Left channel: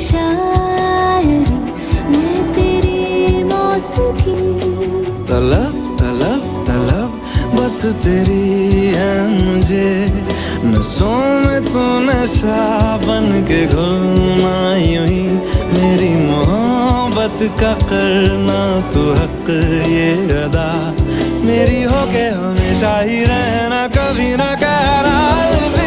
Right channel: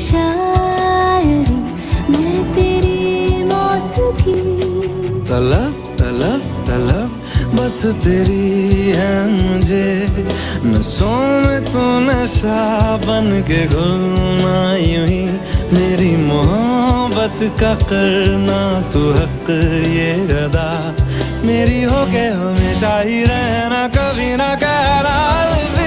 शायरी, मैं तेरी मौसीकी। तलब तलब तलब बस तेरी है मुझे, नसों में तू नशा बन के घुलना यूं ही, मेरी मोहब्बत का करना तू हक ये अदा, मेरी हो के हमेशा ही रहना, कभी ना कहना अलविदा।